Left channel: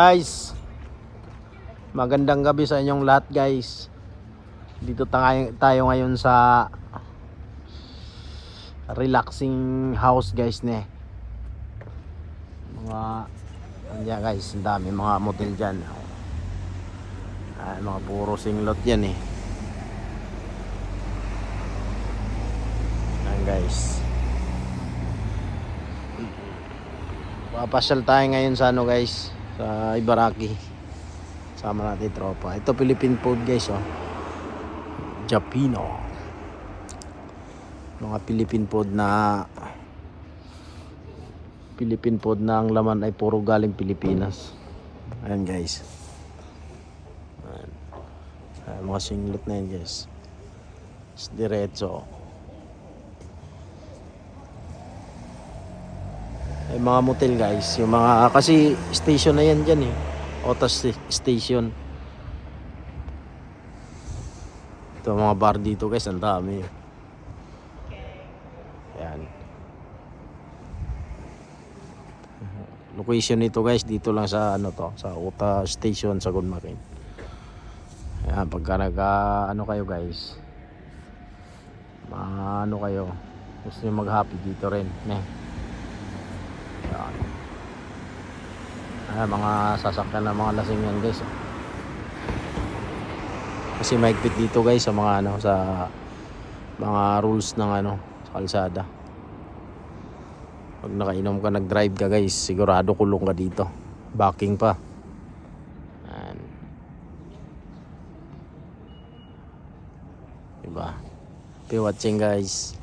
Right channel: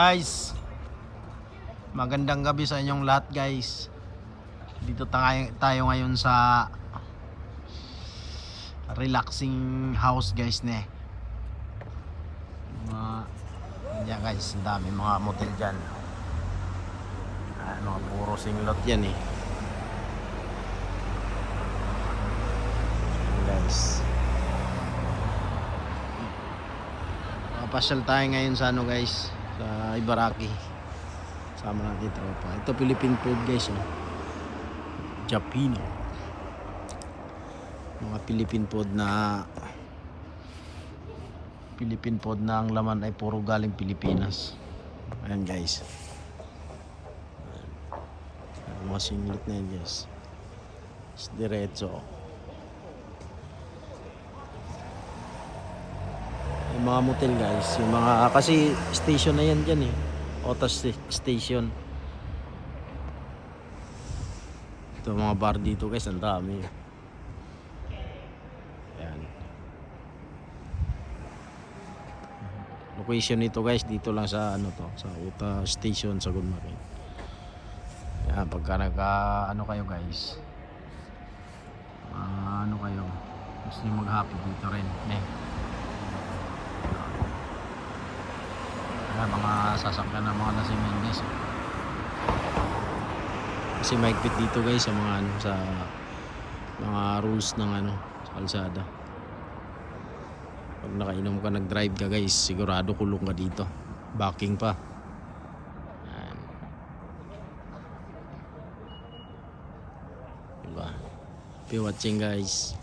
Guys, magandang gabi sa inyong lahat guys. Dito tayo ngayon sa relaxing house guys ne. Mga guys, ang dami mga motel dyan. Ano, puro singlot yan eh. Ayan guys. Papasyal tayo ngayon sa ano guys, sa Ibaraki. Sama natin tropa. Ito Philippine food guys oh. Japino. Mga Philippine food na ang laman ay puro galing Pilipinas. Ayan guys. Ayan, mga singlet na yan guys. Diretso. Yung mga motel guys, yung mga kasi station na yan dyan eh. Otas station. Ito mga bar dito guys, ang dami. Ayan. Location nito guys, dito lang sa ano to, sa Ota Station sa Gunmarin. Ayan, pagka ano kayo guys, ano kayo, gusto nyo mag-happy dito rin. Mga sasakyan ng mga lasing yan guys. Kasi mahigpit dito guys sa mga ano, sa mga rules ng ano, sa kalsada. Pag nakainom ka, nag-drive ka guys, sigurado kulong ka dito. Backing pa. Ayan. Diba? Happy watching guys.